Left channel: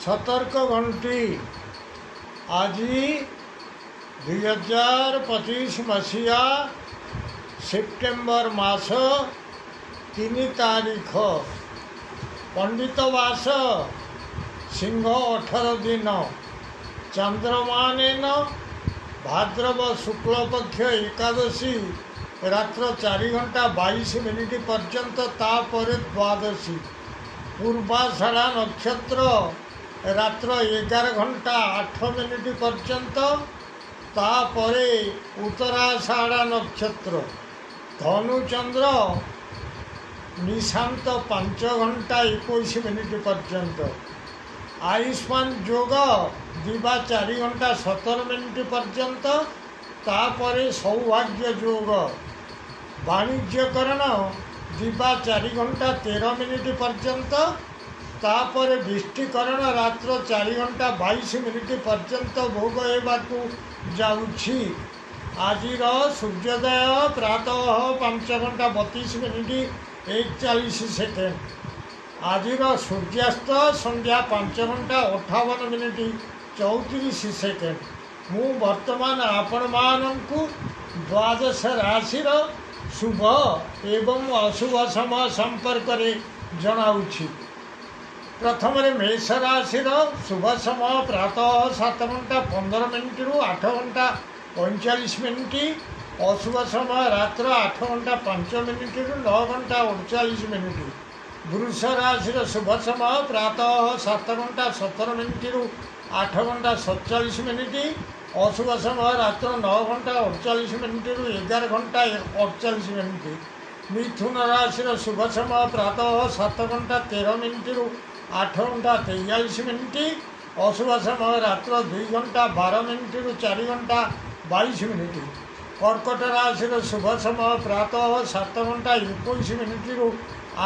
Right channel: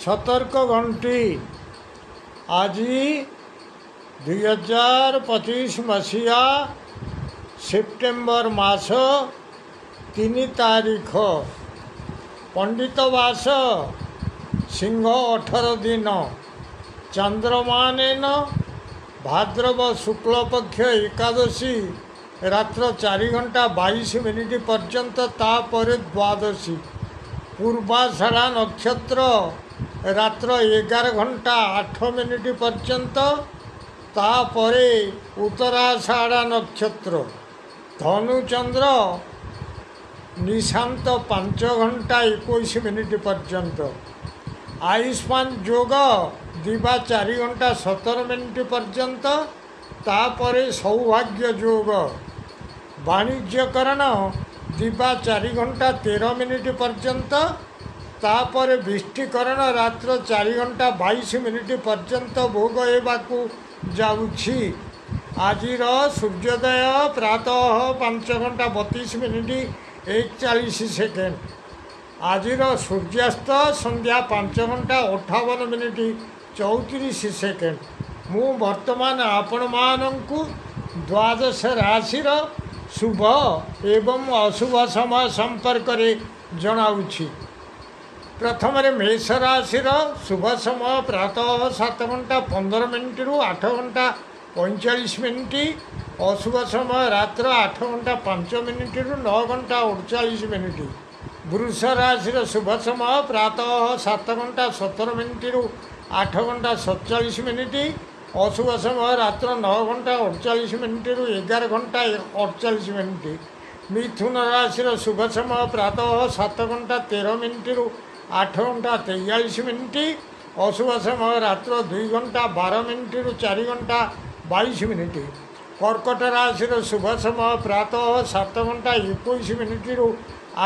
सतर्क घंटी आज 2025 मसीहा सेप्टेम्बर मास 3 तारीख पंडित वास सिंह 18 दिन चंद्रमान भाद्रव शुक्ल पक्ष एकादशी रात्र 4 घंटा 22 मिनिट पर्यंत तापर द्वादशी पूर्वाषाढ़ा नक्षत्र रात्र 11 घंटा 8 मिनिट पर्यंत तापरे उत्तराषाढ़ा नक्षत्र धनुचंद्र निशांत 5 घंटा 21 मिनिट पर्यंत आयुष्मान योग दिवा 4 घंटा 17 मिनिट पर्यंत तापरे सौभाग्य योग वाणिज्यकरण दिवा 4 घंटा 13 मिनिट पर्यंत तापर विष्टिकरण रात्र 4 घंटा 22 मिनिट पर्यंत भोग हेबाकू जाउछि। आजिर सूर्योदय प्रातः 5 घंटा 32 मिनिट 41 सेकेंड आजिर सूर्यास्त संध्या 5 घंटा 58 मिनिट 34 सेकेंड मु वर्तमान आपण माननकु द्वादश राशिर शुभ एवं अशुभ समय संपर्क में जनाऊँगी। प्रथम मेष राशि शुभ समय प्रातः 7 घंटा 15 मिनिट रु 8 घंटा 45 मिनिट अशुभ समय रात्र 8 घंटा 5 मिनिट रु 9 घंटा 48 मिनिट। वृष राशि शुभ समय प्रातः 7 घंटा 17 मिनिट रु 8 घंटा 47 मिनिट अशुभ समय रात्र 9 घंटा 48 मिनिट रु 11 घंटा 48 मिनिट। मिथुन राशि शुभ समय प्रातः 7 घंटा 13 मिनिट रु 8 घंटा 43 मिनिट अशुभ समय रात्र 2 घंटा 12 मिनिट रु 4 घंटा 22 मिनिट। कर्कट राशि शुभ समय प्रातः 7 घंटा 21 मिनिट रु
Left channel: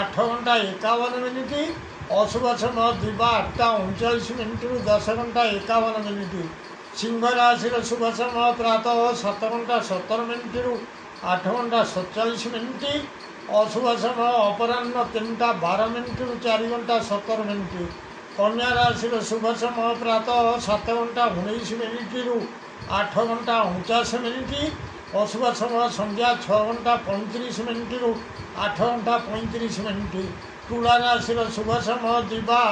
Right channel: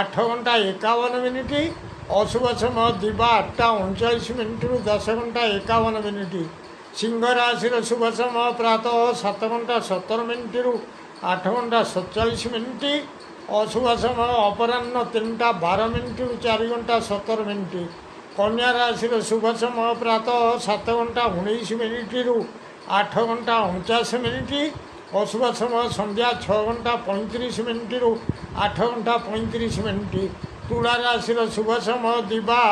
8 घंटा 51 मिनिट अशुभ समय दिवा 8टा 39 मिनिट रु 10 घंटा 51 मिनिट। सिंह राशि शुभ समय प्रातः 7 घंटा 17 मिनिट रु 8 घंटा 47 मिनिट अशुभ समय अपराह्न 3टा 12 मिनिट रु 4 घंटा 17 मिनिट। कन्या राशि शुभ समय प्रातः 7 घंटा 19 मिनिट रु 8 घंटा 49 मिनिट अशुभ समय संध्या 6 घंटा 35 मिनिट रु 8 घंटा 35 मिनिट। तुला राशि शुभ समय दिवा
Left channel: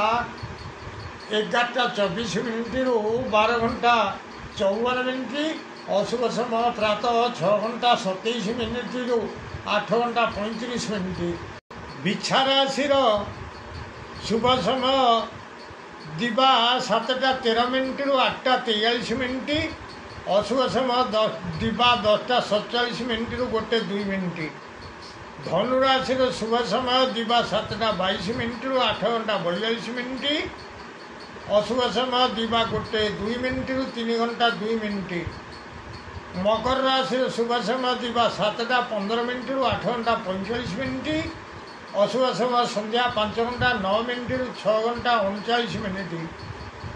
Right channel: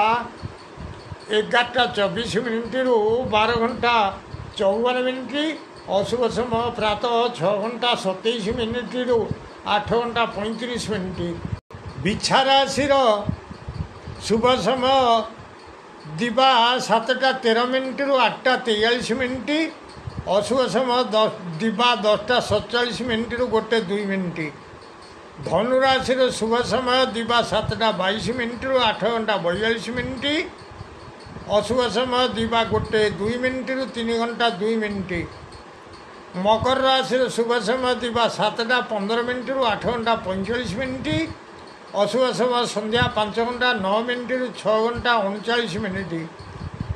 11टा 24 मिनिट रु 12 घंटा 54 मिनिट अशुभ समय प्रातः 6 घंटा 27 मिनिट रु 8 घंटा 35 मिनिट। बिछा राशि शुभ समय दिवा 7टा 13 मिनिट रु 8टा 43 मिनिट अशुभ समय दिवा 10टा 47 मिनिट रु 1-2 मिनिट। धनु राशि शुभ समय दिवा 7टा 22 मिनिट रु 8 घंटा 42 मिनिट अशुभ समय दिवा 1-2 मिनिट रु 3 घंटा 2 मिनिट। मकर राशि शुभ समय दिवा 7टा 15 मिनिट रु 8 घंटा 45 मिनिट अशुभ समय संध्या 5 घंटा 9 मिनिट रु 6 घंटा 39 मिनिट।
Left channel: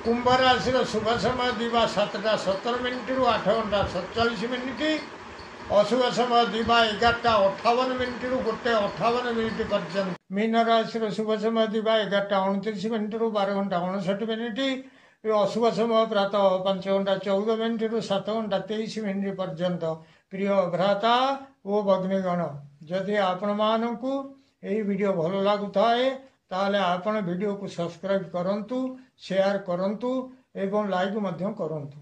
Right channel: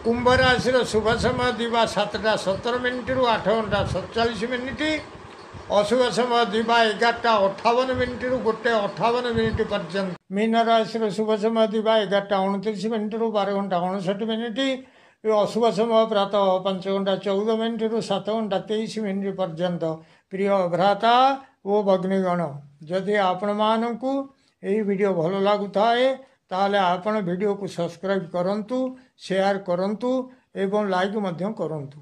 कुंभ राशि शुभ समय दिवा 7टा 17 मिनिट रु 8 घंटा 47 मिनिट अशुभ समय दिवा 11टा 58 मिनिट रु 1:58 मिनिट पर्यंत। मीन राशि शुभ समय दिवा 11टा 29 मिनिट रु 12 घंटा 59 मिनिट अशुभ समय प्रातः 5 घंटा 14 मिनिट रु 7 घंटा 23 मिनिट पर्यंत। प्रिय भ्राता ओ भग्नीगण जदि आपण मानकु एही वीडियो भल लागुथाए ताले आपण वीडियो को सब्सक्राइब करंतु शेयर करंतु एवं लाइक मध्य करंतु।